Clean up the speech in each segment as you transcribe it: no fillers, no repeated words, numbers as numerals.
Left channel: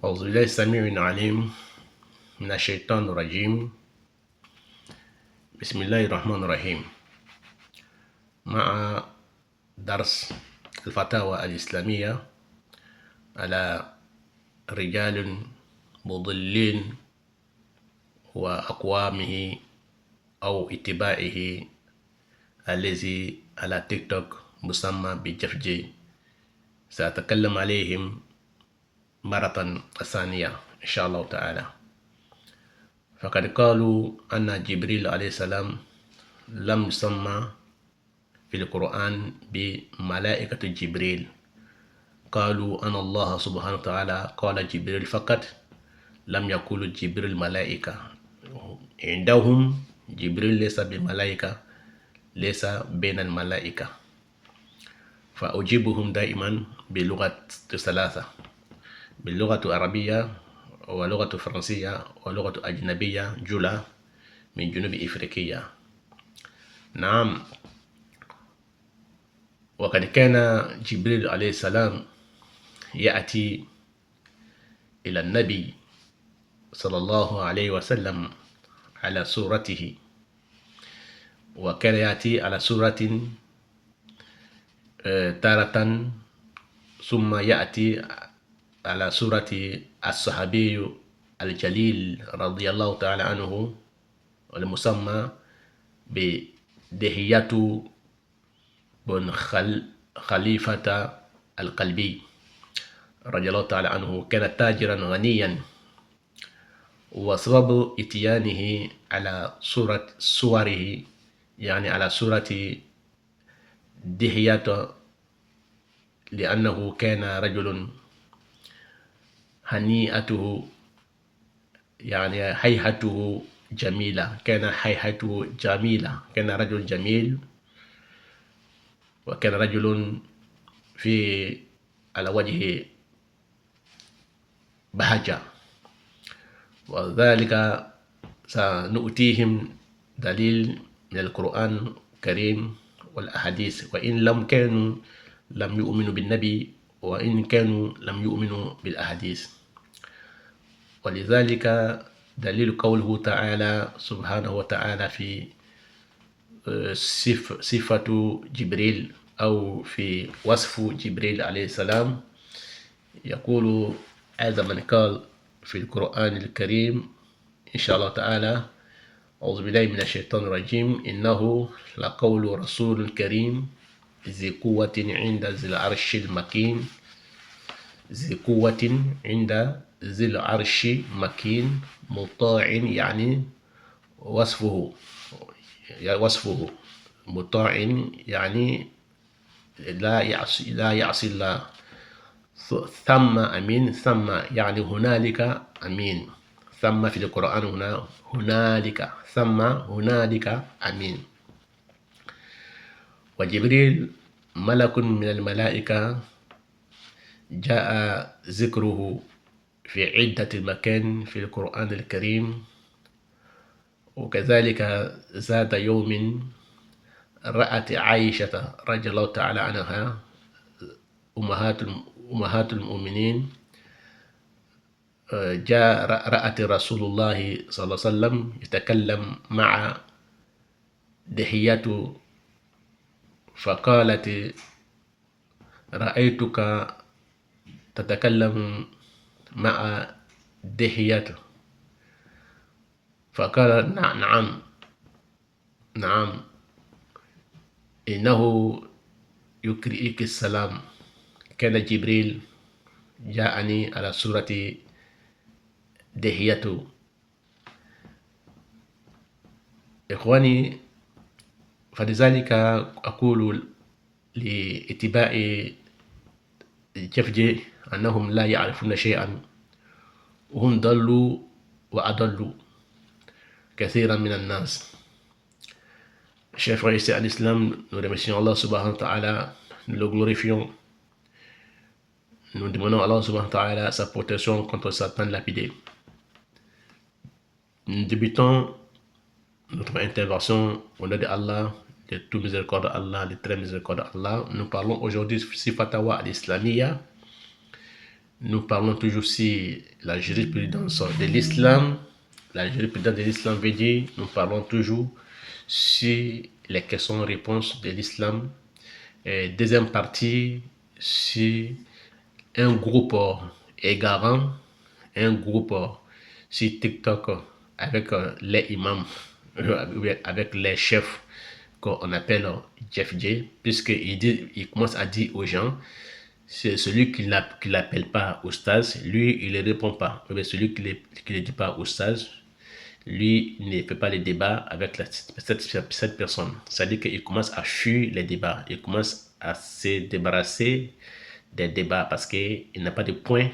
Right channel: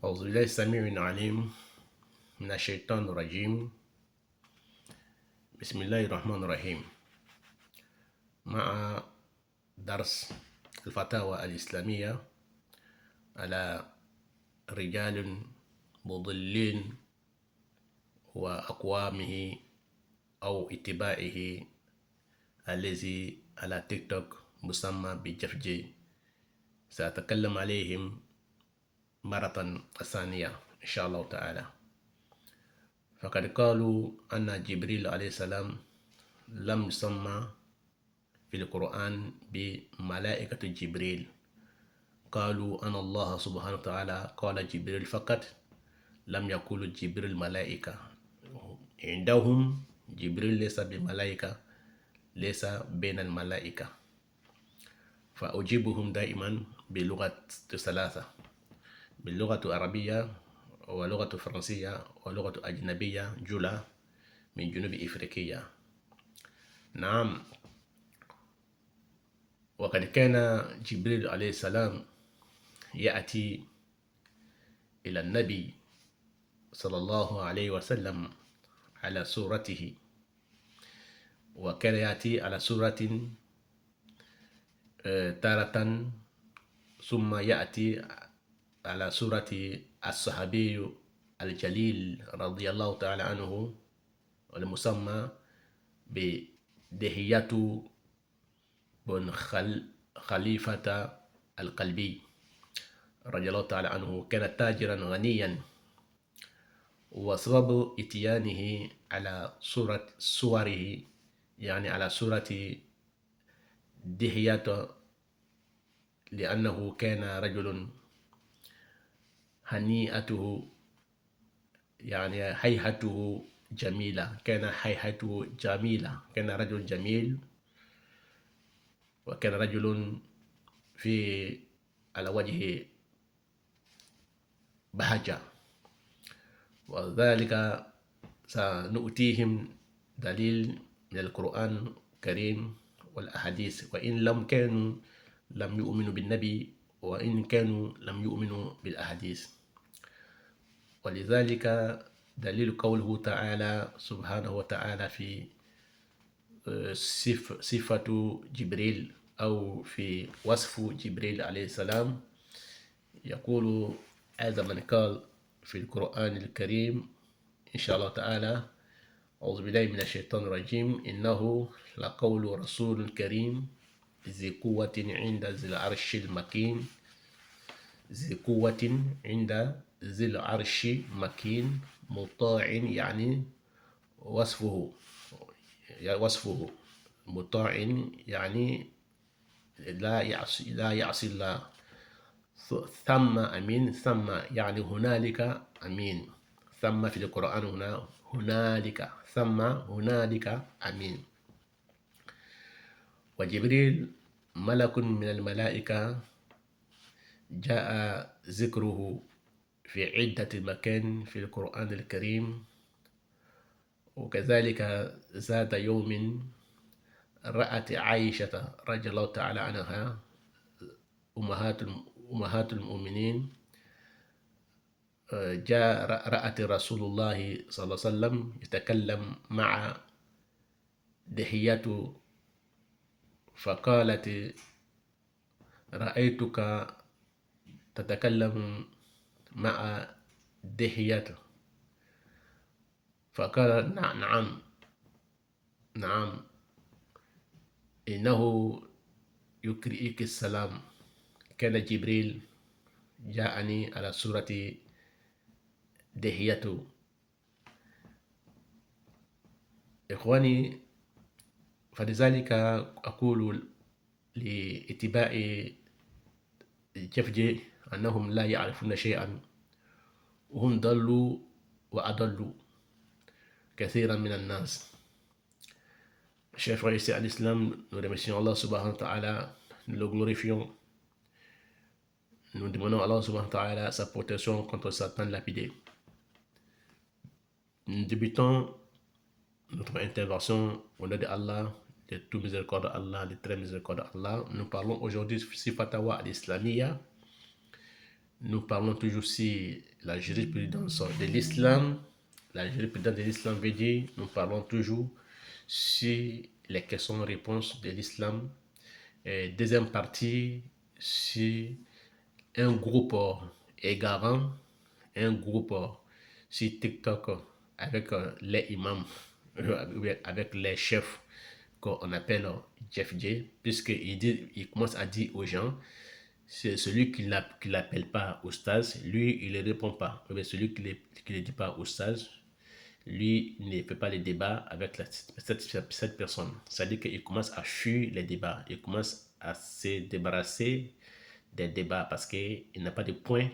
أعوذ بالله السميع العليم من الشيطان الرجيم. بسم الله الرحمن الرحيم. مع درس الفتاوى الإسلامية على رجال مضلين وأقوامه أو اتباعه الذي على تيك توك مسمى بجفجي. سأتكلم عليهم مرة ثانية إن شاء الله تعالى. فقد قالوا أن جبريل عليه السلام لم يسمى في القرآن بملائكة جبريل. قالوا أن الله سبحانه وتعالى قال جبريل فقط، لم يقولوا جبريل ملائكة. عندهم جبريل ليس بملائكة، ليس بين الملائكة. فأجيبهم دائما بلغة ثلاثة: باللغة العربية ولغة فرنسية ولغة أجنبية جلة من جنوب إفريقيا. نعم، وقد كان جبريل عليه السلام يأتي إلى النبي صلى الله عليه وسلم على صورته، وكان يأتي على صورة تارة، ثم يأتي على صورة الصحابي الجليل رضي الله تعالى عنه المسمى بدهية بن خليفة القلبي رضي الله تعالى عنه. كان تاجرا غنيا، وسبب اتيانه على صوره يعني على صورة دهية لأنه كان رجل هنيئته يعني هيئته جميلة، كان هيئته جميلة، كان رجل جميل، وكان رجل في على وجهه بهجة. وذلك سنؤتيهم دليل من القرآن الكريم والأحاديث، وإن لم يؤمنوا بالنبي، وإن كانوا لم يؤمنوا بالأحاديث. ولذلك دليل قوله تعالى سبحانه وتعالى في صفة جبريل أو في وصف جبريل عليه السلام، يقول هذا من قال في القرآن الكريم إن شاء الله تعالى: أعوذ بالله من الشيطان الرجيم، إنه لقول رسول كريم ذي قوة عند ذي العرش المكين. ذي قوة عند ذي العرش مكين، مطاع يعني وصفه مطاع يعني لا يعصي الله. ثم أمين، ثم يعني هنالك أمين. ثم في القرآن هنا هنالك، ثم هنالك أمين. وجبريل ملك من الملائكة، جاء ذكره في عدة مكان في القرآن الكريم. وكذلك ذات يوم رأت عائشة رضي الله تعالى عنها أمهات المؤمنين، رأت رسول الله صلى الله عليه وسلم يتكلم مع دحية، فقالت: رأيتك تتكلم مع دحية. فقال: نعم إنه يقرئك السلام. كان جبريل جاءني على صورة دحية. إخواني، فلذلك أقول لاتباع جفجي أنهم لا يعرفون شيئا، وهم ضلوا وأضلوا كثيرا من الناس. Chers frères et sœurs à l'islam, nous remercions Allah subhanahu wa ta'ala, nous le glorifions, nous demandons à Allah subhanahu wa ta'ala sa protection contre Satan lapidé. Nous débutons notre intervention au nom de Allah, de tout miséricorde Allah, de très miséricorde Allah. Nous parlons aujourd'hui si fatawa al-islamiyya, nous parlons toujours sur la jurisprudence de l'islam. La jurisprudence de l'islam veut dire, nous parlons toujours sur les questions-réponses de l'islam. Deuxième partie, sur un groupe égarant, un groupe sur TikTok avec les imams, avec les chefs qu'on appelle Jeff J, puisqu'il commence à dire aux gens, c'est celui qui ne l'appelle pas Oustaz, lui, il ne répond pas. Mais celui qui ne dit pas Oustaz, lui, il ne fait pas les débats avec cette personne. C'est-à-dire qu'il commence à fuir les débats. Il commence à se débarrasser des débats parce qu'il n'a pas de point.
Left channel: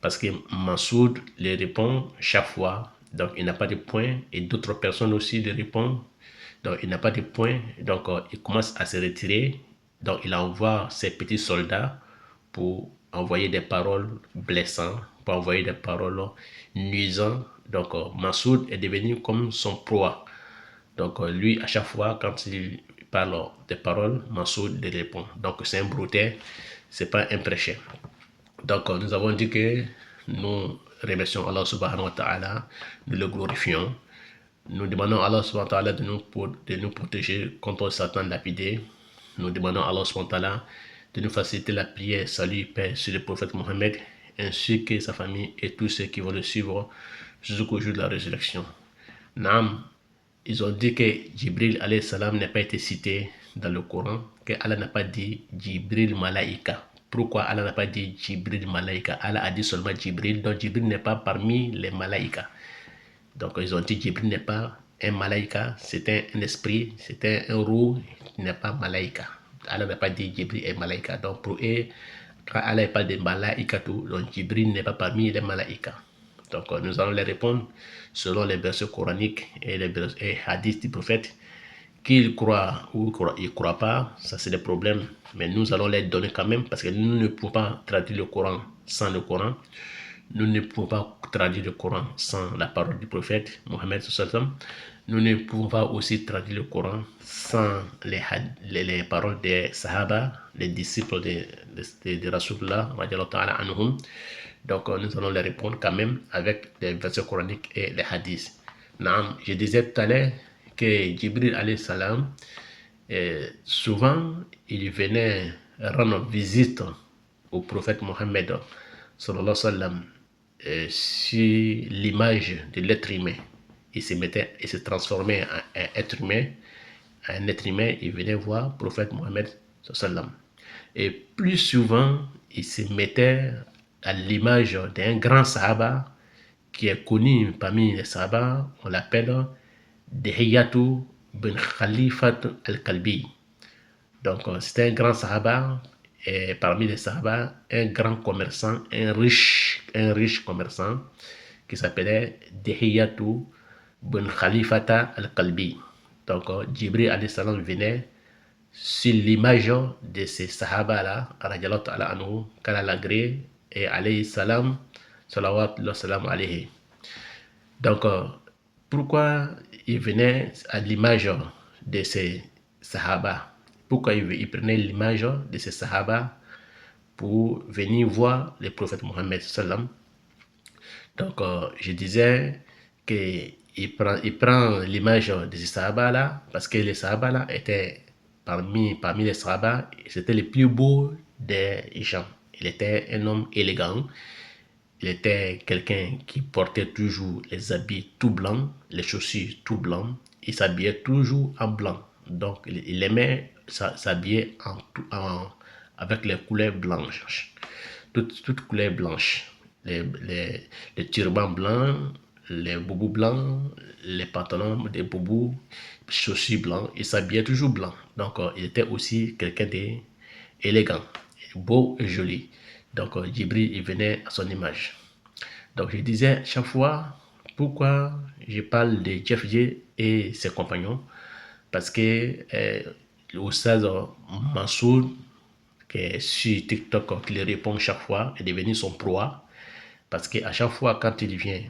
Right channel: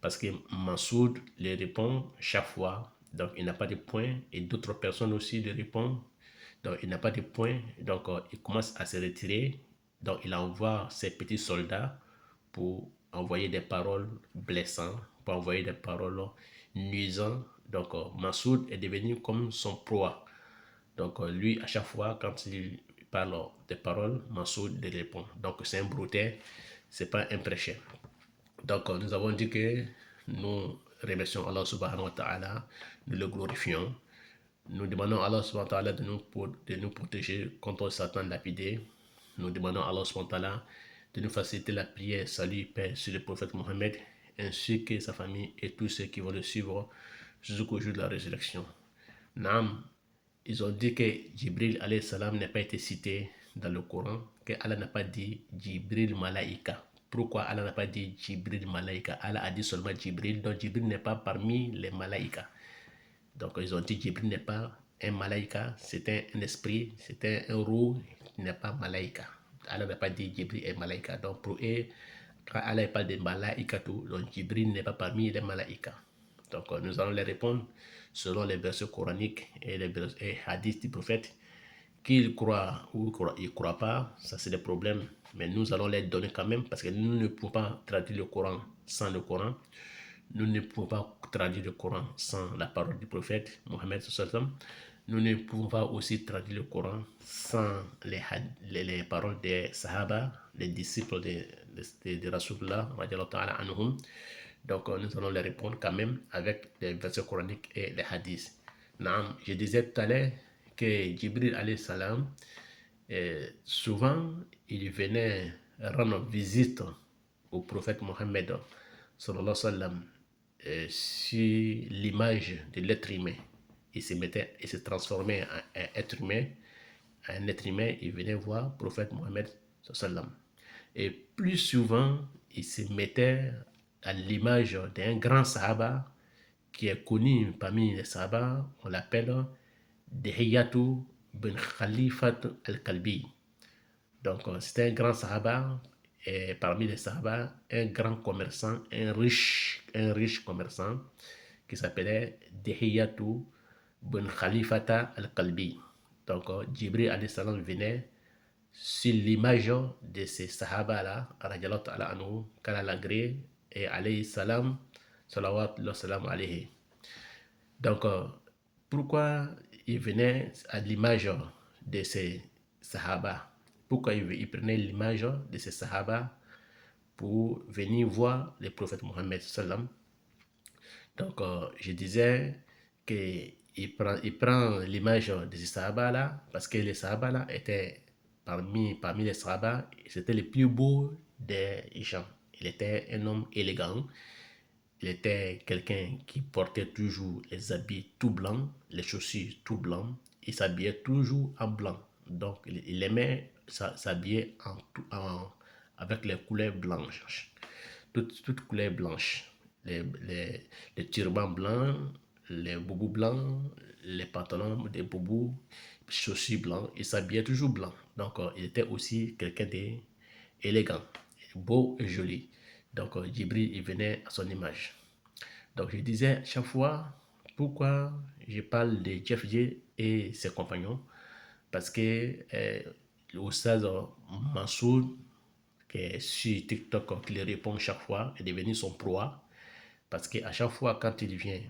Parce que Massoud les répond chaque fois. Donc, il n'a pas de point. Et d'autres personnes aussi lui répondent. Donc, il n'a pas de point. Donc, il commence à se retirer. Donc, il envoie ses petits soldats pour envoyer des paroles blessantes, pour envoyer des paroles nuisantes. Donc, Massoud est devenu comme son proie. Donc, lui, à chaque fois, quand il parle des paroles, Massoud les répond. Donc, c'est un broutet, c'est pas un prêché. Donc, nous avons dit que nous remercions Allah subhanahu wa ta'ala, nous le glorifions. Nous demandons à Allah subhanahu wa ta'ala de nous protéger contre Satan lapidé. Nous demandons à Allah subhanahu wa ta'ala de nous faciliter la prière, salut, paix sur le prophète Mohammed, ainsi que sa famille et tous ceux qui vont le suivre jusqu'au jour de la résurrection. Naam, ils ont dit que Jibril alayhi salam n'a pas été cité dans le Coran, que Allah n'a pas dit Jibril Malaïka. Pourquoi Allah n'a pas dit Jibril Malaïka? Allah a dit seulement Jibril, donc Jibril n'est pas parmi les Malaïka. Donc ils ont dit Jibril n'est pas un Malaïka, c'est un esprit, c'est un roux, il n'est pas Malaïka. Allah n'a pas dit Jibril est Malaïka. Donc pour eux, quand Allah parle de Malaïka, donc Jibril n'est pas parmi les Malaïka. Donc nous allons les répondre selon les versets coraniques et les hadiths du prophète. Qu'ils croient ou ils ne croient pas, ça c'est des problèmes. Mais nous allons les donner quand même parce que nous ne pouvons pas traduire le Coran sans le Coran. Nous ne pouvons pas traduire le Coran sans la parole du prophète Mohammed sallallahu. Nous ne pouvons pas aussi traduire le Coran sans les paroles des Sahaba, les disciples de Rasulullah. Donc nous allons les répondre quand même avec les versets coraniques et les hadiths. Naam, je disais tout à l'heure que Jibril alayhi salam, souvent il venait rendre visite au prophète Mohammed sallallahu alayhi wa sallam, sur l'image de l'être humain. Il se transformait en un être humain. Un être humain, il venait voir le prophète Mohammed sallallahu alayhi wa sallam. Et plus souvent, il se mettait à l'image d'un grand sahaba qui est connu parmi les sahabas. On l'appelle Dihiyatu bin Khalifat al-Kalbi. Donc, c'était un grand sahaba, et parmi les sahabas, un grand commerçant, un riche commerçant qui s'appelait Dihiyatu bin Khalifata al-Kalbi. Donc, Jibril alayhi salam venait sur l'image de ces sahaba-là, radiallahu ta'ala anhu, qu'Allah l'agrée, et alayhi salam, salawat salam alayhi. Donc, pourquoi il venait à l'image de ces sahaba? Pourquoi il prenait l'image de ces sahaba pour venir voir le prophète Mohammed sallam? Donc, je disais qu'il prend l'image de ces sahaba là parce que les sahaba là étaient parmi les sahaba, c'était le plus beau des gens. Il était un homme élégant. Il était quelqu'un qui portait toujours les habits tout blancs, les chaussures tout blancs. Il s'habillait toujours en blanc. Donc, il aimait s'habiller avec les couleurs blanches. Toutes couleurs blanches. Les turbans blancs, les boubous blancs, les pantalons des boubous, chaussures blancs. Il s'habillait toujours blanc. Donc, il était aussi quelqu'un d'élégant, beau et joli. Donc, Jibril, il venait à son image. Donc, je disais chaque fois, pourquoi je parle de Jeff J et ses compagnons? Parce que l'Oustaz Massoud, qui est sur TikTok, qui lui répond chaque fois, est devenu son proie. Parce qu'à chaque fois, quand il vient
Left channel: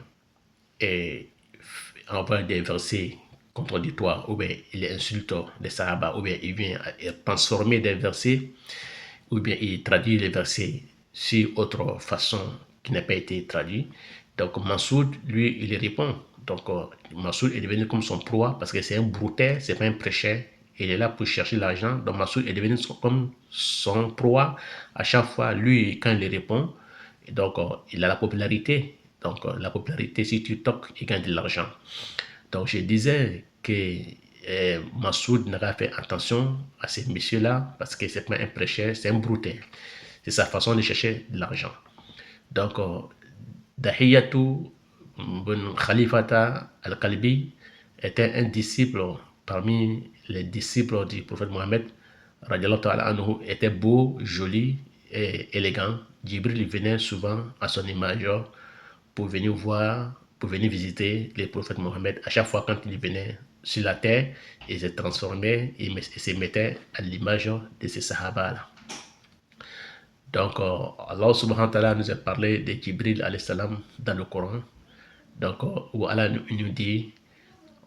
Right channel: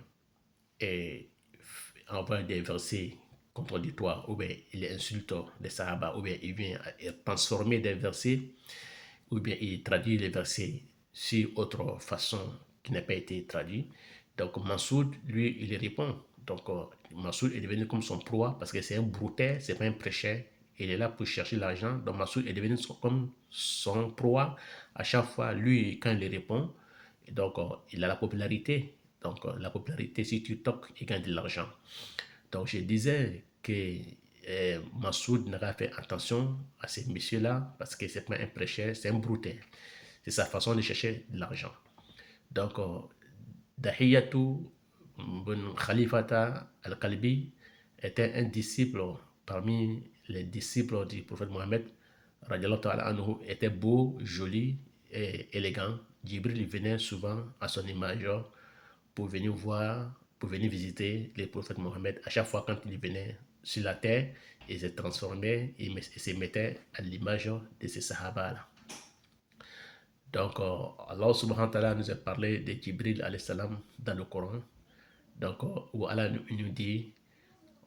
et envoie des versets contradictoires, ou bien il insulte les Sahaba, ou bien il vient transformer des versets, ou bien il traduit les versets si autre façon qui n'a pas été traduite. Donc Massoud, lui, il répond. Donc Massoud est devenu comme son proie parce que c'est un brouteur, c'est pas un prêcheur. Il est là pour chercher l'argent. Donc Massoud est devenu comme son proie. À chaque fois, lui, quand il répond, donc il a la popularité. Donc la popularité, si tu toques, il gagne de l'argent. Donc je disais que Massoud n'a pas fait attention à ces messieurs-là parce que c'est pas un prêcheur, c'est un brouteur. C'est sa façon de chercher de l'argent. Donc, Dahiyatu bin Khalifata al-Kalbi était un disciple parmi les disciples du prophète Mohammed. Anhu, était beau, joli et élégant. Jibril venait souvent à son image pour venir voir, pour venir visiter les prophètes Mohammed. À chaque fois quand il venait sur la terre, il se transformait et se mettait à l'image de ces sahaba-là. Donc, Allah subhanahu wa ta'ala nous a parlé de Jibril alayhi salam dans le Coran. Donc, où Allah nous dit,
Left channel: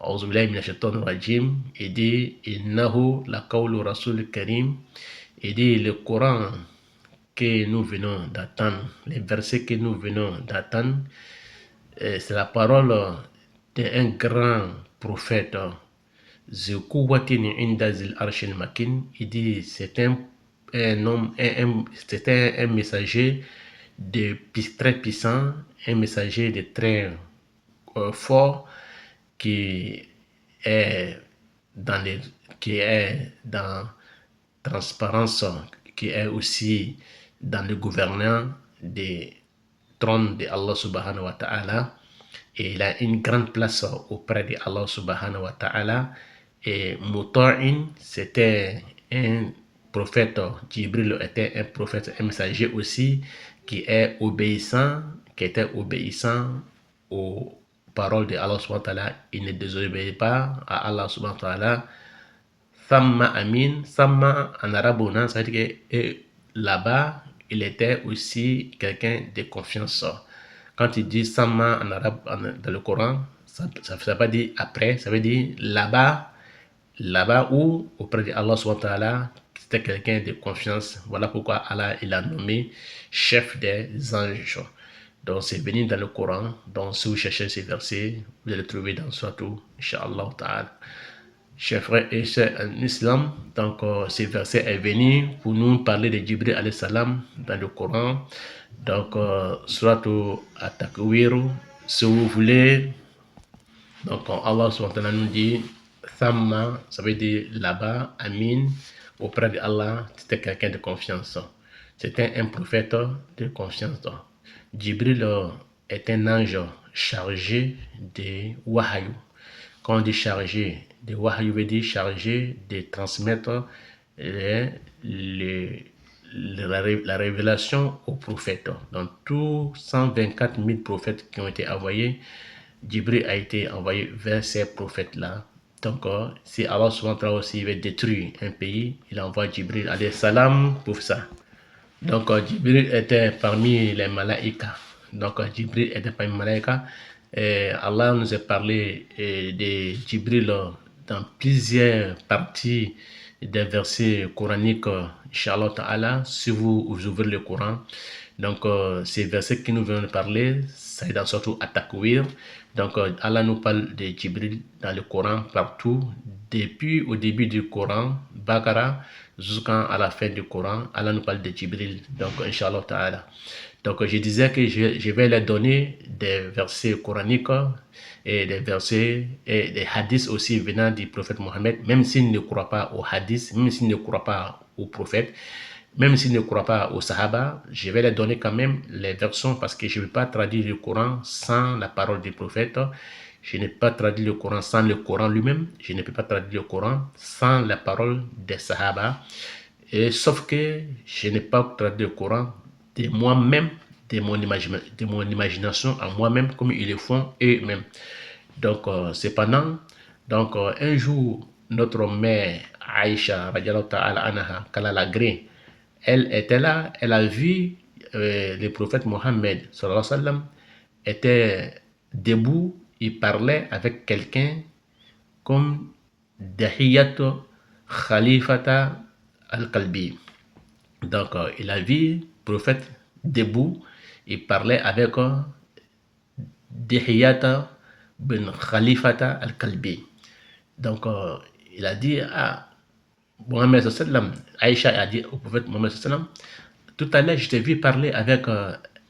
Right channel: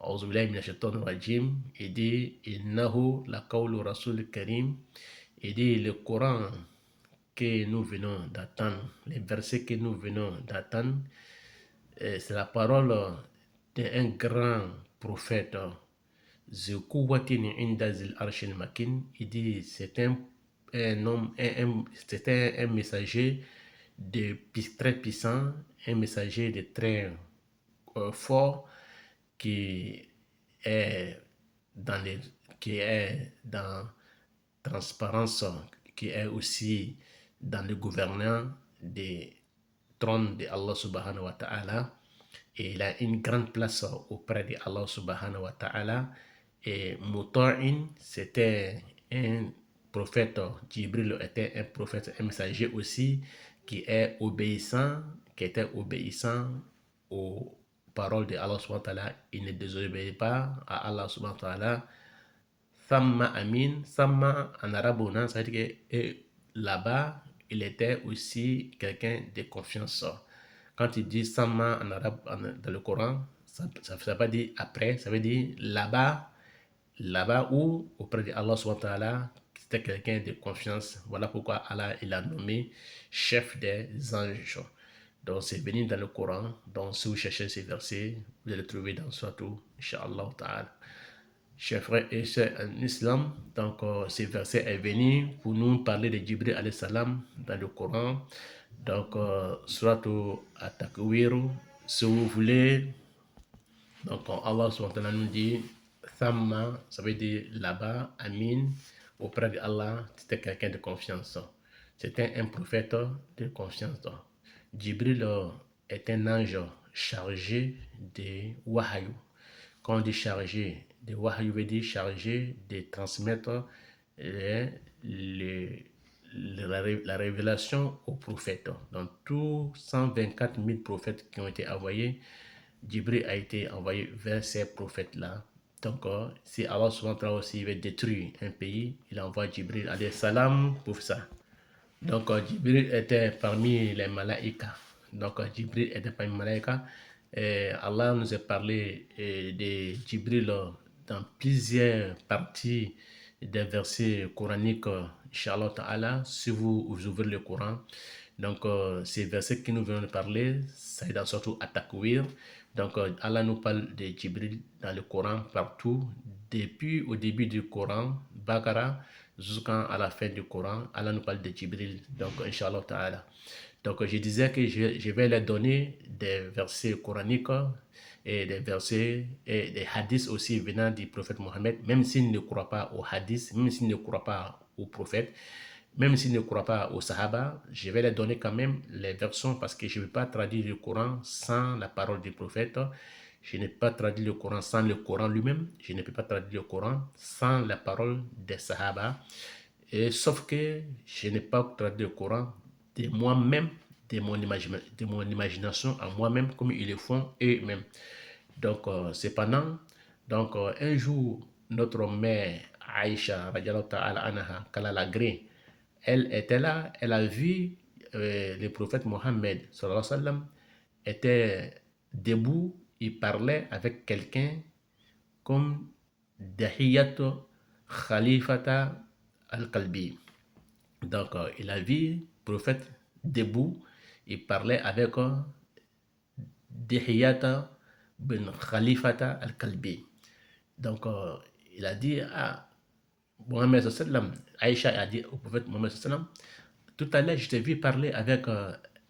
A'udhu billahi minash shaitanir rajim, il dit, Innahu la qawlu rasul karim, il dit, le Coran que nous venons d'attendre, les versets que nous venons d'attendre, c'est la parole d'un grand prophète, Zukuwatin inda zil arshil makin, il dit, c'est un homme, c'était un messager de très puissant, un messager de très fort qui est dans les, qui est dans transparence, qui est aussi dans le gouverneur des trônes de Allah subhanahu wa ta'ala, et il a une grande place auprès de Allah subhanahu wa ta'ala. Et Muta'in, c'était un prophète, Jibril était un prophète, un messager aussi, qui est obéissant, qui était obéissant aux paroles de Allah subhanahu wa ta'ala. Il ne désobéit pas à Allah subhanahu wa ta'ala. Thamma amin, Thamma en arabe, ça veut dire que là-bas, il était aussi quelqu'un de confiance. Quand il dit Thamma en arabe dans le Coran, ça ne veut pas dire après, ça veut dire là-bas, là-bas où, auprès de Allah subhanahu wa ta'ala, c'était quelqu'un de confiance. Voilà pourquoi Allah il a nommé chef des anges. Donc c'est venu dans le Coran. Donc si vous cherchez ces versets, vous allez le trouver dans Surah, Inch'Allah ta'ala. Chers frères et sœurs en islam, donc ces versets est venu pour nous parler de Jibril alayhi salam dans le Coran. Donc surtout At-Takwir, si vous voulez, donc Allah subhanahu wa ta'ala nous dit Thamma, ça veut dire là-bas, Amin, auprès de Allah, c'était quelqu'un de confiance. C'était un prophète de confiance. Jibril est un ange chargé de wahyu. Quand on dit chargé de wahyu, veut dire chargé de transmettre la révélation aux prophètes. Donc tous 124 000 prophètes qui ont été envoyés, Jibril a été envoyé vers ces prophètes-là. Donc, si Allah subhanahu wa ta'ala aussi veut détruire un pays, il envoie Jibril alayhi salam pour ça. Donc, Jibril était parmi les malaïkas. Donc, Jibril était parmi les malaïkas. Et Allah nous a parlé de Jibril dans plusieurs parties des versets coraniques, Inch'Allah ta'ala, si vous ouvrez le Coran. Donc, ces versets que nous venons de parler, c'est dans surtout At-Takwir. Donc, Allah nous parle de Jibril dans le Coran partout, depuis au début du Coran, Baqarah, jusqu'à la fin du Coran, Allah nous parle de Jibril. Donc, Inch'Allah ta'ala. Donc, je disais que je vais leur donner des versets coraniques et des versets et des hadiths aussi venant du prophète Mohammed, même s'ils ne croient pas aux hadiths, même s'ils ne croient pas au prophète, même s'ils ne croient pas aux sahaba, je vais leur donner quand même les versions parce que je ne vais pas traduire le Coran sans la parole du prophète. Je n'ai pas traduit le Coran sans le Coran lui-même. Je ne peux pas traduire le Coran sans la parole des sahaba. Et sauf que je n'ai pas traduit le Coran de moi-même, de mon imagination à moi-même, comme ils le font eux-mêmes. Donc, cependant, donc, un jour, notre mère Aïcha, qu'Allah l'agrée, elle était là, elle a vu le prophète Mohammed, sallallahu alayhi wa sallam, était debout, il parlait avec quelqu'un comme Dahiyatu Khalifata al-Kalbi. Donc, il a vu le prophète debout, il parlait avec Dihiyata bin Khalifata al-Kalbi. Donc, il a dit à Mohammed sallam, Aïcha a dit au prophète Mohammed sallam, tout à l'heure, je t'ai vu parler avec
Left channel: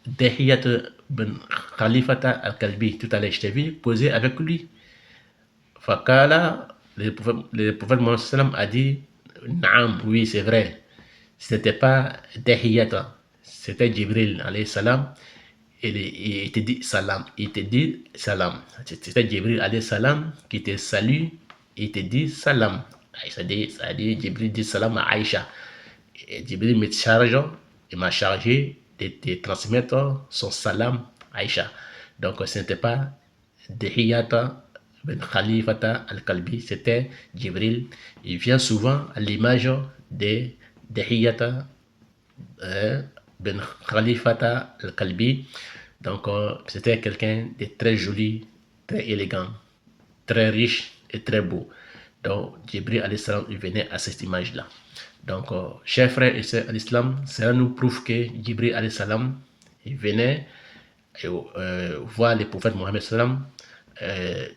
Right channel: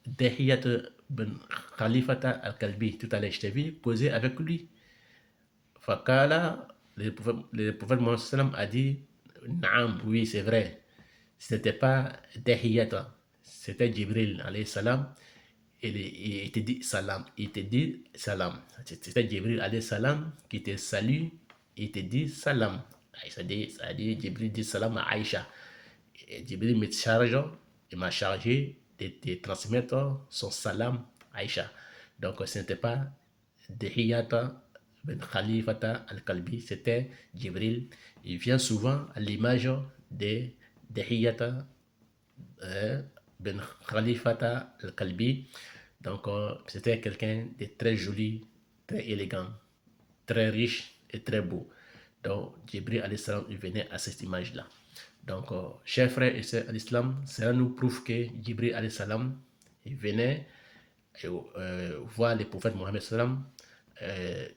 Dihiyata bin Khalifata al-Kalbi. Tout à l'heure, je t'ai vu poser avec lui. Fakala, le prophète Mohammed sallam a dit, Naam, oui, c'est vrai. C'était pas Dihiyata, c'était Jibril alayhi salam. Il te dit salam. Il te dit salam. C'était Jibril alayhi salam qui te salue. Il te dit salam. Ça dit Jibril dit salam à Aïcha. Et Jibril me charge, il m'a chargé de te transmettre son salam à Aïcha. Donc ce n'était pas Dihiyata ben Khalifata al-Kalbi, c'était Jibril. Il vient souvent à l'image de Dihiyata ben Khalifata al-Kalbi. Donc, c'était quelqu'un de très joli, très élégant, très riche et très beau. Donc, Jibril alayhi salam, il venait à cette image-là. Donc, chers frères et sœurs à l'islam, cela nous prouve que Jibril alayhi salam, il venait voir le prophète Mohammed salam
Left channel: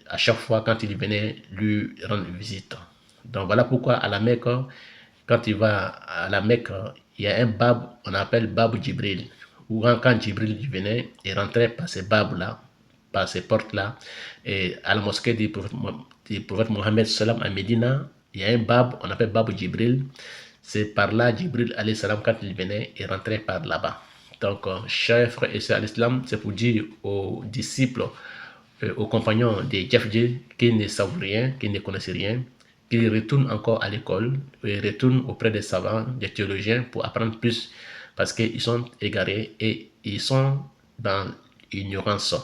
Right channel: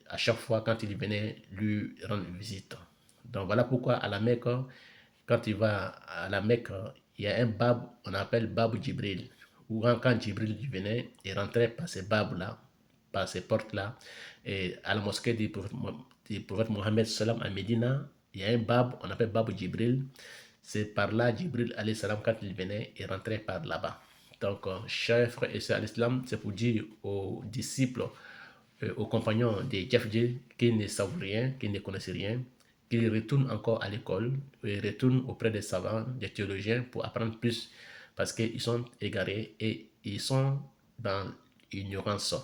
à chaque fois quand il venait lui rendre visite. Donc, voilà pourquoi à la Mecque, quand il va à la Mecque, il y a un bab, on appelle Bab Jibril, où quand Jibril venait, il rentrait par ces babs-là, par ces portes-là, et à la mosquée du prophète Mohammed salam à Médina, il y a un bab, on appelle Bab Jibril. C'est par là, Jibril alayhi salam, quand il venait, il rentrait par là-bas. Donc, chers frères et sœurs à l'islam, c'est pour dire aux disciples, aux compagnons des Jafdji qui ne savent rien, qui ne connaissent rien, qu'ils retournent encore à l'école, ils retournent auprès des savants, des théologiens pour apprendre plus parce qu'ils sont égarés et ils sont dans l'ignorance.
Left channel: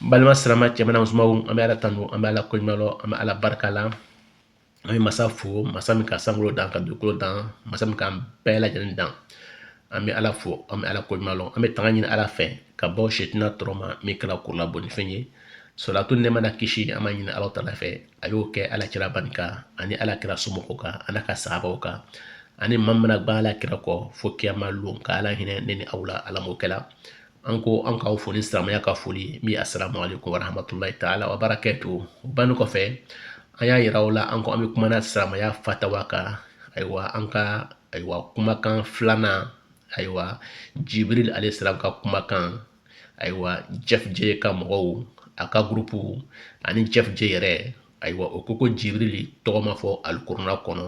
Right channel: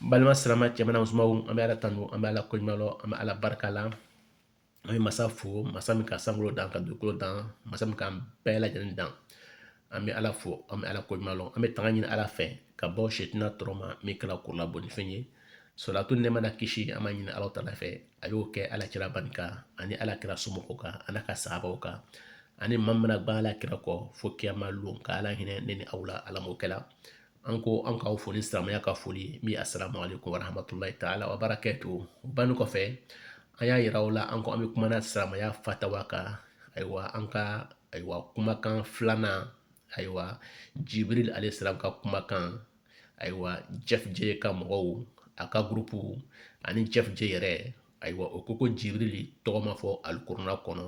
Balma salama cɛmana musomanw an bɛ ala tanu an bɛ ala koɲumanlɔ an bɛ ala barika la an bɛ masa fo masa min ka sankolo dan ka dugukolo dan masa min k'an bɛɛ lajɛlen dan an bɛ ala fo an bɛ ala koɲumanlɔ an bɛ tanga ɲini ala fɛ ka bɔ setina tɔrɔ ma min kɛra kurula bonifɛn ye solatu nɛma na kisi an b'a ɲini ala tala fɛ a y'o kɛ ala kira bani kan ani ala kira somɔgɔw kan ani ka sahabaw kan ani maa min mana gba ala kira kɔ fo kiyama lon ka ala hinɛ ne ni aw la ala m'o kɛla an ko an k'aw fo ni silamɛya ka foli min assalamu alaikum warahmatullahi ta'ala wa barakatuh o banni kɔfɛ an y'a yira aw la an ko an bɛ kumana silamɛya fatawa kan ayiwa an ka ayiwa kumakan filanan ayiwa Jibril alayhi salam ka kumakan ayiwa Jafdji ka mɔgɔw a ka gurupu ani Jafdji yɛrɛ ayiwa o ko Jibril tɔgɔ ma fɔ alikurana kɔnɔ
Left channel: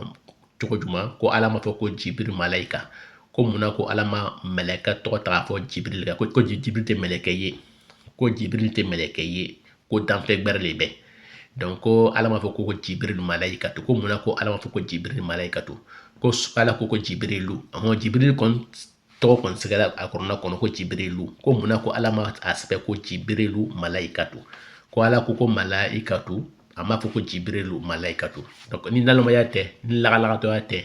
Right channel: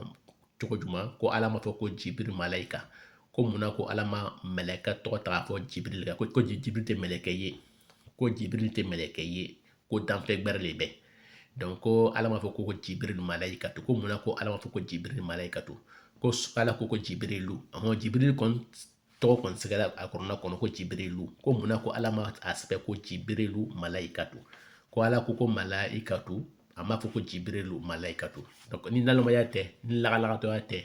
cogo jumɛn ko ala ma fɔ ko Jibril malayika ko munna ko ala ma mɛlɛkɛ tɔgɔ ta k'a fɔ Jibril kan ko Jibril tɛ mɛlɛkɛ ye ko Jibril tɛ mɛlɛkɛ ye ko danfɛn gbɛrɛ de bɛ donc ko ala ma fɔ ko Jibril malayika to ko munna ko ala ma fɔ ko Jibril malayika to ko ala ko Jibrilu Jibril kɔni tɔgɔ kɔni sɛgɛra a kɔnɔna kɔnɔ ko Jibrilu ko munna ko ala ma a sɛbɛn ko Jibrilu malayika to ko ala ko malayika to a m'a fɔ ko Jibrilu malayika to donc ni nalomaya tɛ ni lagalagatɔya tɛ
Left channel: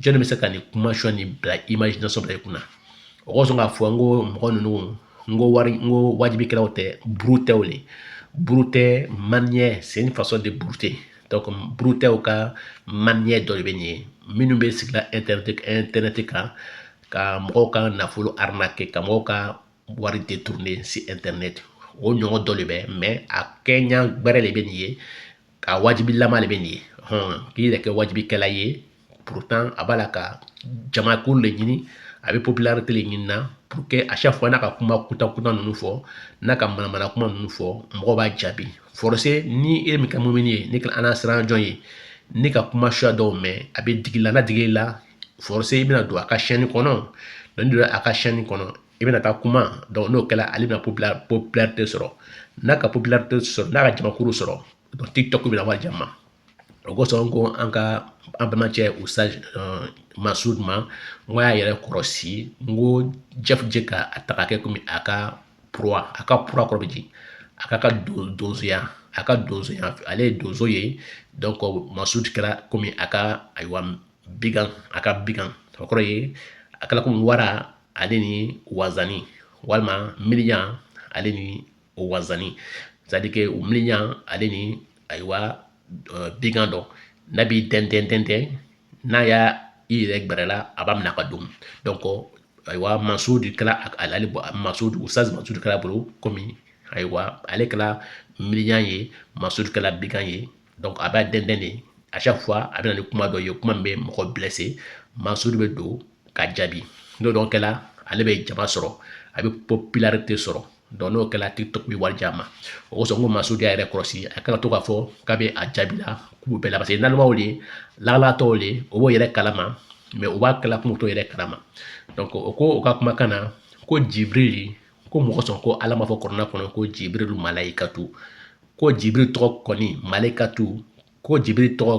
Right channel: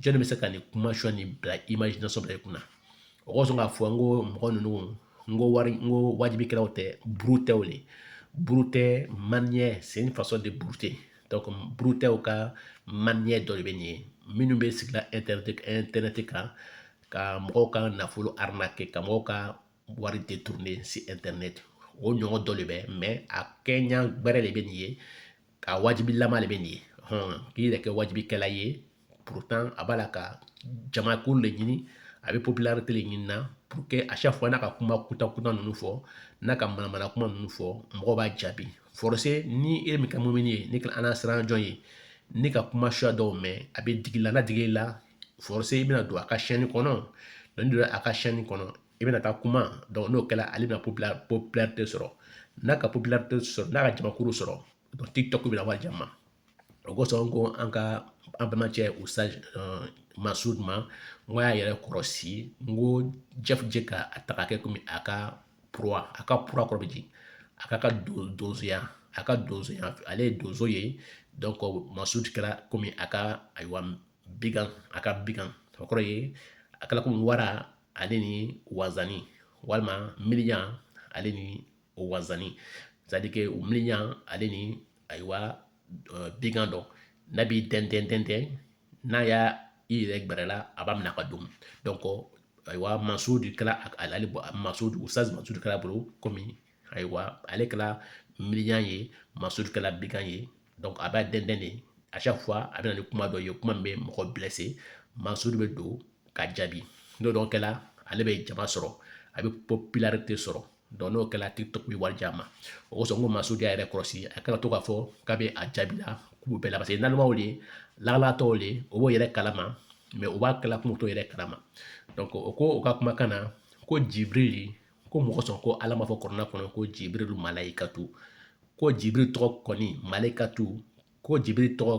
jɔnni bɛ se ka nin kuma sɔn ni bila imagination bila i kunna o kosɔn k'a fɔ n ko mɔgɔ ninnu n ko wajibikɛlaw tɛ buru tɛ o le buru tɛ manière c'est une façon de brouter donc buru tɛw ka manière dɔ de bɛ nin ye minnu bɛ sigila internet kan ka mɔgɔw ka nafolo arnaquer ka mɔgɔw ka wari détourner si internet o ɲɔgɔn dɔ de bɛ mais a kɛɲa gbɛrɛ de bɛ nin ye ka wajibilama de bɛ nin ye k'i yɛrɛ kɛ wajibikɛla ye pourtant a b'a la ka jamakulu le ɲini a bɛ popularité le ɲini na pour que à chaque fois n'a ka kuma kutan ninnu fɔ n'a ka manamana kuma ninnu fɔ mɔgɔw b'a jaabi forcé ni e min ka mumini ye ni ala siran jɔn ye ni ka kuma suya dɔw mɛn a bɛ digi la n'a digi la forcé i bɛna don a ka chaîne kɔnɔ donc ni donna a ka chaîne kɔnɔ i bɛna taa kuma donc n'o kɛla ale bɛna popularité sɔrɔ n'a ka popularité sɔrɔ n'a ka jamakulu sɔrɔ donc TikTok bɛna wari jama o kosɔn ko an bɛnbakɛ Usage Masud ma n ko y'a yɛrɛ kɔrɔsi n ko Jafdji ka a ta ka kɛ komi a ka pura kɔrɔ bɛ jigin a ka donsoya ale ye donso ye donc Masud kɛra komi a ka ayiwa bigan o kɔrɔ ye a kɛra komi wara ale ni wazani walima miliyan ale ni wazani c'est à dire que o miliyan ale ni ayiwa bigan dɔ n'a b'i tɛntɛn n'a y'a i yɛrɛ gbɛrɛ la a b'a minɛ ka don donc aywa Masud kala ale Masud Ustaz Masud kala bolo komi aywa ale kala miliyan ye Masud kala bigan ye donc a b'a dɛndɛn de à chaque fois a bɛ na ni kuma dɔ ye kuma min bɛ mɔgɔ blessé Masud bɛ don ka jaabi n'o dɔn kɛla ale bɛ jama sɔrɔ a bɛ popularité sɔrɔ donc n'o kɛla TikTok bɛ wari jama o kosɔn ko Masud y'a yɛrɛ kɔlɔsi a kana to k'a fɔ k'a bɛ a jaabi la k'u bɛɛ la parce que nalimaw le lalatɔw le o b'o yɛrɛ kalama mais o b'a kala kun t'o yɛrɛ kalama donc o ko o ka kumakan na ko Jibril ko mɔgɔ sɔn ko ala ma fɔ kɔrɔna kɔnɔ ko Jibril malaikatu ko Jibril tɔgɔ kɔni malaikatu ko Jibril tɔgɔ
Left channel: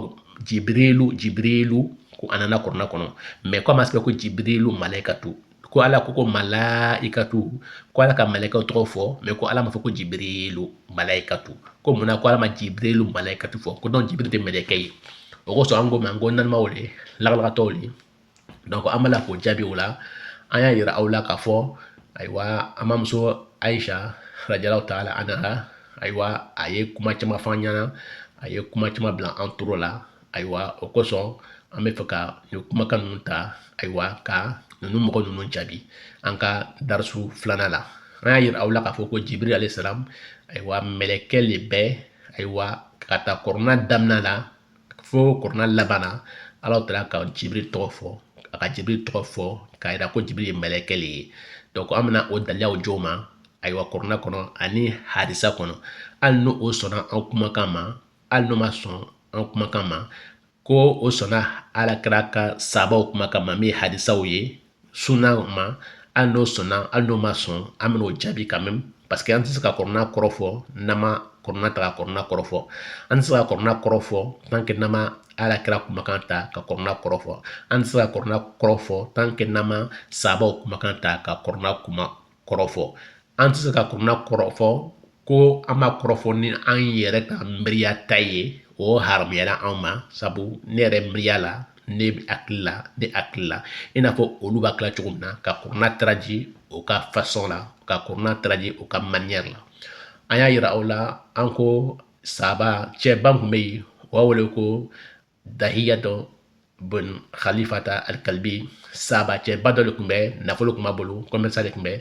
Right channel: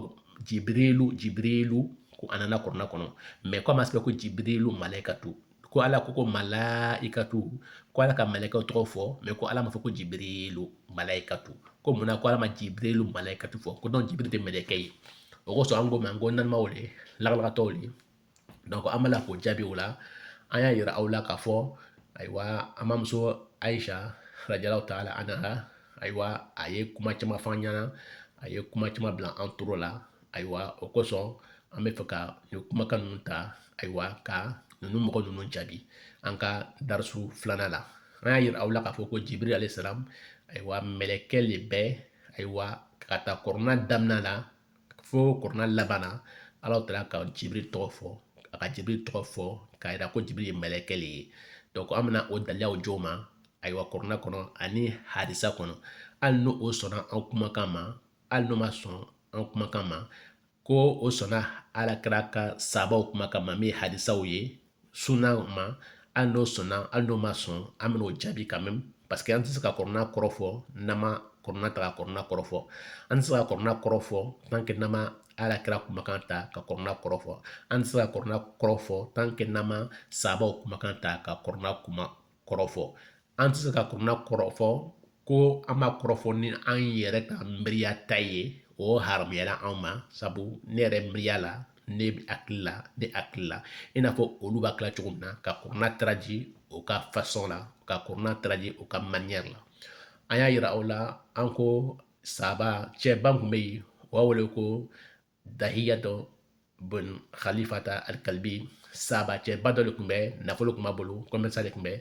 Jibrilu ko a nana kɔrɔna kɔnɔ mais ko a ma sɛbɛn ko Jibrilu malaikatu ko ala ko malaikatu ko ala ka malaikaw tɔgɔ fɔ mais ko ala ma fɔ ko Jibrilu malaikatu ko munna ko ala ma Jibrilu malaikatu fɔ ko donc Jibril tɛ mɛlɛkɛ ye o kosɔn an ko mɛ an ko nalimaw le lagalagatɔw le donc an b'a la k'o jaabi o la an y'a yira aw la k'a fɔ ayiwa an mamuso Aisha radiallahu ta'ala anha ayiwa a ye kuma caman fɔ an ɲɛna a ye kuma caman bila an toro la ayiwa o kosɔn an bɛ fɛ ka nin kumakan ninnu ta ayiwa ka ninnu mɔgɔ ninnu jaabi an ka darisu filanan la an y'a yira aw la k'a fɔ ko Jibril alayhi salam ayiwa mɛlɛkɛ le bɛ ayiwa ka taa kɔrɔna daminɛ la fo kɔrɔna laban na ala taala ka Jibril tɔgɔ fɔ a ka Jibril tɔgɔ fɔ k'a yira ko Jibril ye mɛlɛkɛ le ye donc an bɛna o dalilaw jo ma ayiwa kɔrɔna kɔnɔ ani hadisa kɔnɔ hali n'o sɔnna an kumakan ma hali n'o ma sɔn an kumakan ma ko o sɔnna alakira ka sabaw kumakan ma min ye hadisaw ye sunna ma hali n'o sɔnna hali n'o ma sɔn an bɛna o jaabi quand même parce que an tɛ se ka kɔrɔna kɔrɔ fɔ n'an ma kɔrɔna ta ka kɔrɔna kɔrɔ fɔ an tɛ se ka kɔrɔna kɔrɔ fɔ tant que n'an ma alakira kumakan ta ka kɔrɔna kɔrɔ fɔ an tɛ se ka kɔrɔna kɔrɔ fɔ tant que n'an ma sabaw kumakan ta ka kɔrɔna kuma kɔrɔ fɔ an tɛ se ka kɔrɔna kɔrɔ fɔ ko an ma kɔrɔ fɔ ni an yɛrɛ ka miiriya ta ye o haramuyala anw ma sabu ne yɛrɛ miiriya la ne hakili la i n'a fɔ olu b'a kila cogo min na ka kɔrɔna taraji o ka façon la ka kɔrɔna taraji o ka manière la an y'a yira aw la an ko sahaba cɛba kun bɛ yen o b'a wele ko Dahiyatu bin Khalifata al-Kalbi sahaba cɛba dɔ de kun bɛ nafolo kun b'a bolo commerçant de kun bɛ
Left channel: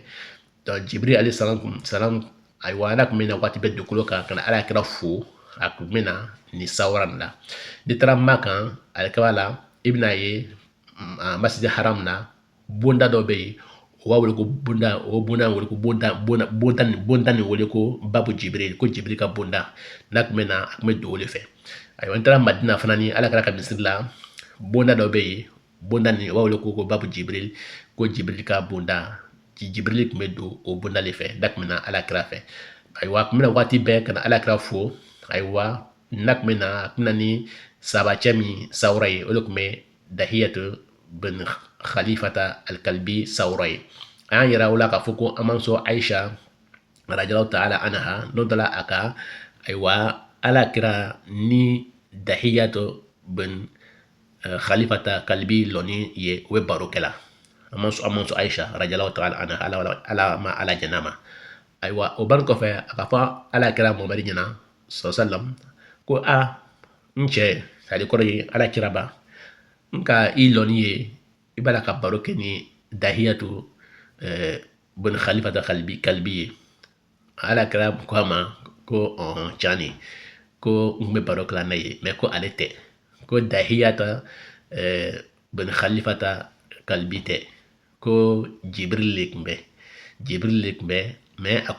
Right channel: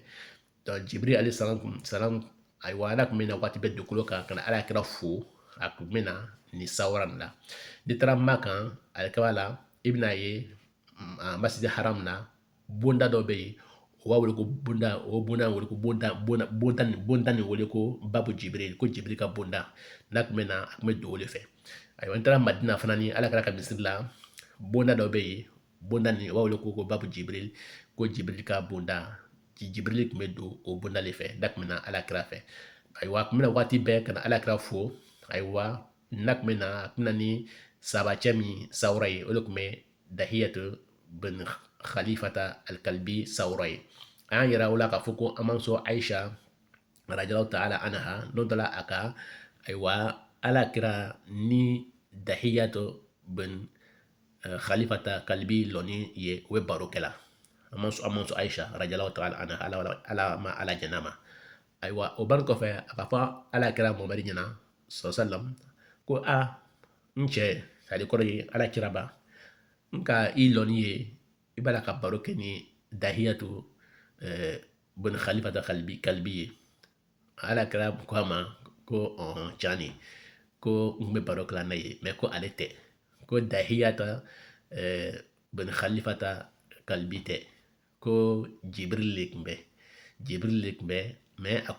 donc Jibril alayhi salam ayiwa ala kun bɛ na waati bɛɛ dugukolo kan ka na ala kira fo a kun bɛ na nin sawara nin la n'i taara Makan alikaba la i bɛna ye masjid haram na bonda dɔ bɛ yen o b'a wele ko bonda o bonda wele ko bonda nin wele ko babu Jibril ko Jibril ka bonda n'a kun bɛ na a kun bɛ don o de fɛ ayiwa n taara Madina fana ni ala kira ka misiri la bonda dɔ bɛ yen bonda nin o b'a wele ko babu Jibril ko Jibril ka bonda Jibril kun bɛ don o bonda de fɛ n'a kun bɛ na ala kira fɛ ayiwa a kun bɛ na waati bɛɛ ka na ala kira fo ayiwa n'a kun bɛ na a kun bɛ na ni sabacɛ min sawura ye o de kun bɛ Dahiyatu bin Khalifata al-Kalbi sawura ye an y'a yira o la k'a fɔ ko an mamuso Aisha radiallahu ta'ala anha n'o dala a ka ayiwa ala kira ni Dahiyatu bin Khalifata kalbi lɔni ye o bɛ baro kɛla an mamuso Aisha radiallahu ta'ala anha ala ma ala jɛn'a ma ayiwa o bari kɔfɛ a ka fɔ ala kira Muhamadu ɲɛna sallam ko a n cɛ sadi kɔrɔ ye ala kira ba n ka i lɔni ye i b'a la ka baro kɛ ni Dahiyatu bin Khalifata kalbi ye ala kira ko a ma ko cani ko n bɛ baro kɛla n'a ye mais ko ale tɛ ko Dahiyata bin Khalifata kalbi tɛ ko Jibril le kun bɛ mais a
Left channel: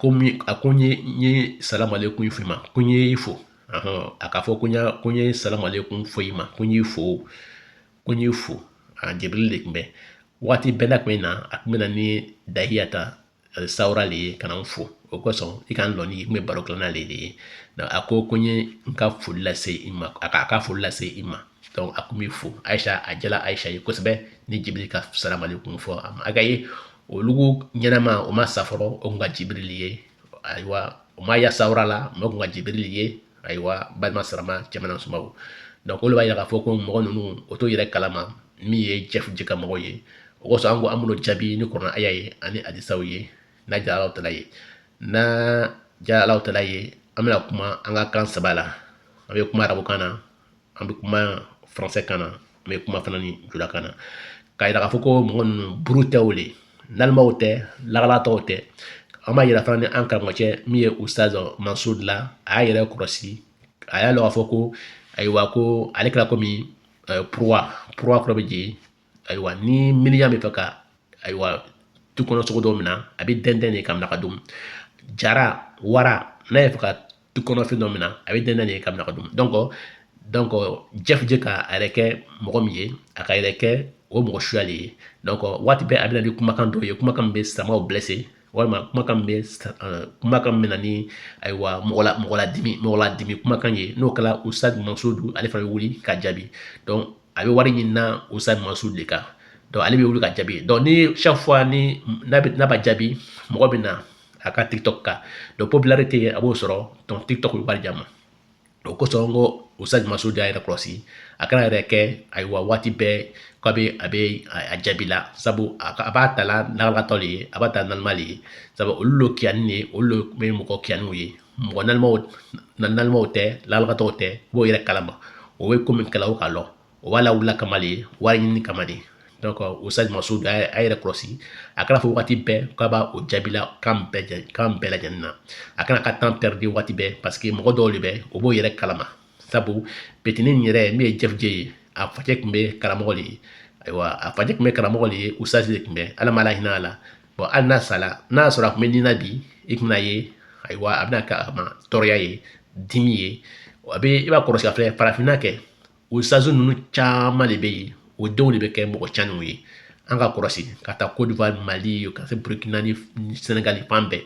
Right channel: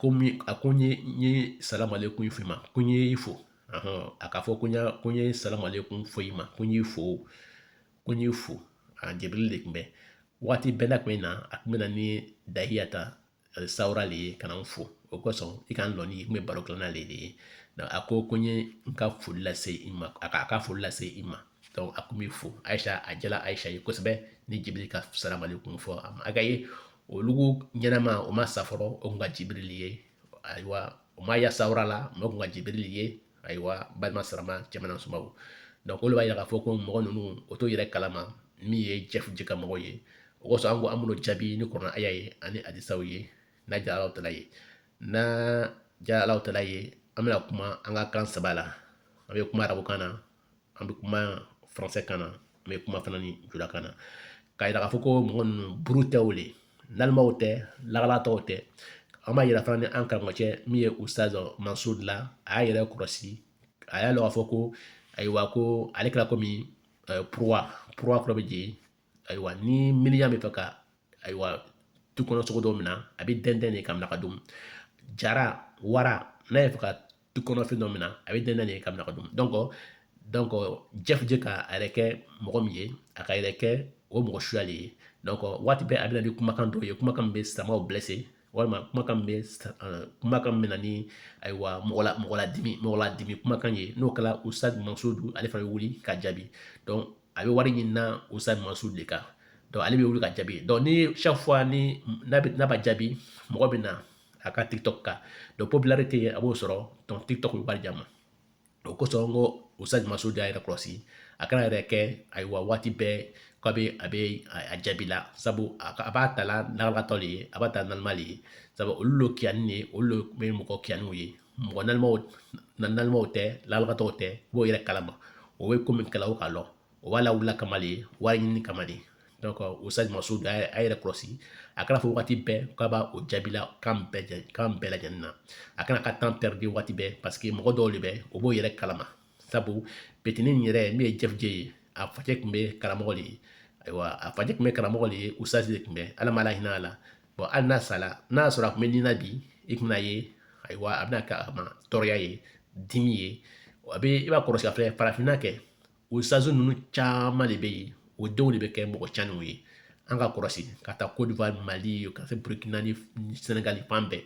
ko n ye salamu aleykum f'i ma ko n ye fo a ka fɔ ko n ye salamu aleykum fɔ i ma ko n ye fo Jibril de kun bɛ waati bɛɛ n'a kun bɛ na a kun bɛ na ni Dahiyata sawura le ye ka na n fo o kosɔn i ka n lɔni n bɛ baro kɛla n'ale de ye a ko n ye n ka foli lase i ma a ka foli lase i ma donc a kun bɛ fo Aisha a jala Aisha ye kosɛbɛ ni Jibril ka salamu aleykum fɔ a ma a ka ye olu ɲɛnama o ma sa fɔlɔ o kun ka Jibril ye ayiwa o ma ya sawura la o kun ka Jibril ye ayiwa balima sarama cɛmana sumaw donc olu b'a yira k'a fɔ ko mɔgɔ ninnu o t'o yɛrɛ kalama min ye jɛka mɔgɔ ye o kosɔn an ko an b'o jaabi ni kɔrɔna aya ye ani hadisaw ye n'a diyara Alahu Taala ye n'a diyara Alahu Taala ye an bɛna kuma an ka kan saba la an bɛ kuma arabukan na an bɛ kuma faransɛ kan na an bɛ kuma fana ni julakan na k'a yira k'a fɔ ko mɔgɔ ninnu buru tɛ o le nalimaw tɛ lagalataw tɛ an b'a yira fana ni an karamɔgɔcɛ min ye ustaz Mansud la a y'a yɛrɛ kɔlɔsi a y'a lɔn k'a fɔ ko ayiwa ko ale kɛra komi purwa kɔrɔ bɛ jigin ayiwa ni miliyan bɛ fɛ ka ayiwa tu kɔnɔ cogo dɔw min na a bɛ dɛndɛn de ka minɛ ka dun jara wara n'a ye fɛ ka tu kɔnɔ fɛn dɔ min na a bɛ dɛndɛn de ka minɛ ka dun donc Jeff je ka a yɛrɛ kɛ mɔgɔ min ye a ka yɛrɛ kɛ o mɔgɔ suyali ye donc waati bɛɛ a bɛ na ni kumakan dɔw ye kumakan min bɛ samaw blessé walima kumakan min bɛ na ni ayiwa mɔgɔ ladimi kumakan ye n'o kɛra Ustaz Mansudu ale fana bɛ wuli ka jaabi donc a bɛ wari ɲini na Ustaz Mansudu de kan donc ale bɛ wuli ka jaabi donc ni chaque fois ni n'a b'a jaabi mɔgɔ bɛ na a ka TikTok kan donc popularité a b'o sɔrɔ donc TikTok bɛ wari jama o kosɔn n ko Ustaz Mansudu y'a yɛrɛ kɔlɔsi a kana yɛrɛ kɛ ayiwa waati bɛɛ k'a bɛ a jaabi la sabu a b'a ta la lagalakatɔ le ye a b'a ta nalima le ye sabu olu lo kiyani de olu bɛ mɔgɔ kiyaniw ye mɔgɔ nalimaw tɛ lagalakatɔw tɛ u b'o yɛrɛ kalama o bɛ ko min kɛla o k'a lɔn o b'a lawulila kama de wari ɲini kama de donc Ustaz Mansudu a yɛrɛ kɔlɔsi a kana fɔ waati bɛɛ k'a b'a o jaabi la kan bɛɛ lajɛlen na a kana ka temps perdre waati bɛɛ parce que mɔgɔ dɔw de bɛ o b'o yɛrɛ kalama sabu petinin yɛrɛ min ye Jeff J ye a facɛ tun bɛ karamɔgɔ de ye ayiwa a facɛ tun bɛ karamɔgɔ de ye Ustaz de tun bɛ ala ma ala hinɛ a la bon hali n'a sala n'a sɔrɔ a tun bɛ nin na bi i tun bɛna ye ayiwa a bɛna kɛ a ma tɔɔrɔya ye dimi ye a bɛ i b'a kɔlɔsi a filɛ farafinna kɛ Ustaz ninnu caman de bɛ yen o denw de bɛ kɛ mɔgɔ caniw ye an ka kɔlɔsi ka taa Côte d'Ivoire Mali ka se Burkina ni Senegal fan bɛɛ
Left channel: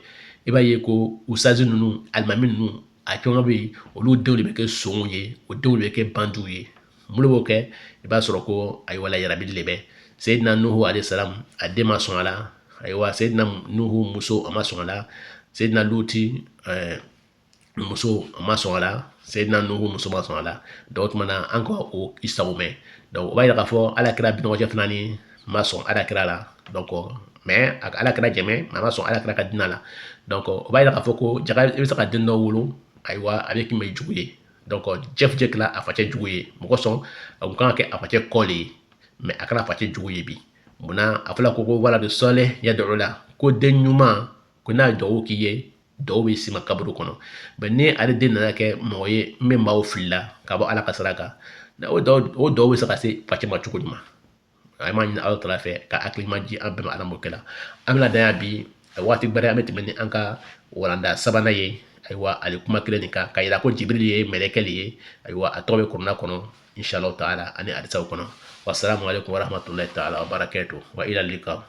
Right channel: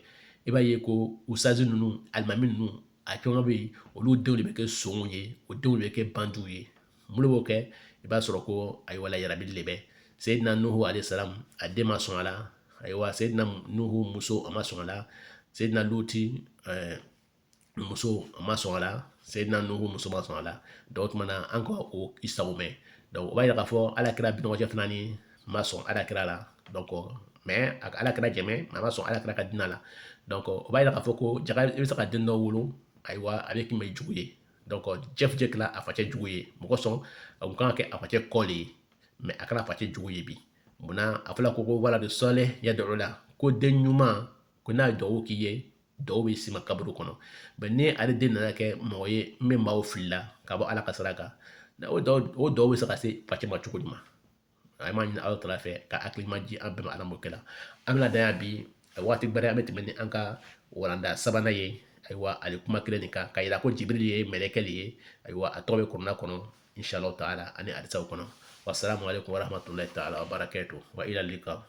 i b'a ye ko Ustaz ninnu alimami ninnu a caman bɛ yen olu denw de bɛ kɛ sonw ye o denw de bɛ kɛ bandiw ye mun de b'o kɛ i b'a sɔrɔ ko ayiwa yarabili de bɛ Seyidina Nuhu alayhi salam a den ma sɔn a la ayiwa Seyidina Nuhu muso a ma sɔn a la Seyidina Luti muso a ma sɔn a la Seyidina Nuhu muso ma sɔn a la donc o tuma na an ka o isaw mɛn donc o b'a yira k'a fɔ alakira binɔgɔcɛ fana ni ma sɔn alakira la donc mais a ka alakira jɛmɛ mais a ma sɔn alakira ka diinɛ la donc o b'a yira k'a fɔ ko jaga i bɛ se ka den dɔ wolo ayiwa a bɛ k'i ma jugu ye donc Jeff J kɛra a facɛ jugu ye mɔgɔ sɔn a kun kan ka kɛ a facɛ kɔ le ye mais a kɛra a facɛ jugu ye bi munna a fɔra ko wala de sɔlɛ yad'u la ko den ɲuman ko n'a ye dugawu k'i ye dɔw bɛ sima kaburu kɔnɔ mais ni ale den nana kɛ mɔgɔ ye min maaw filila ka bɔ ala ka sira kan o dɔw bɛ se ka se facɛ ma cogo jumɛn a ma ɲini ala tala fɛ ka hakilima di an bɛɛ ma ala m'o kɛ la an bɛna dan yan bi waati bɛrɛ an bɛ tɛmɛ ni an ka walanda sabanan ye ayiwa ale kuma kelen nin kan ka yira ko Jibril ye mɛlɛkɛ le ye ayiwa a tɔgɔ bɛ kurana kɔnɔ inshallah taala ani hadisaw kɔnɔ wassalamu alaikum warahmatullahi taala wabarakatuh wa ila lika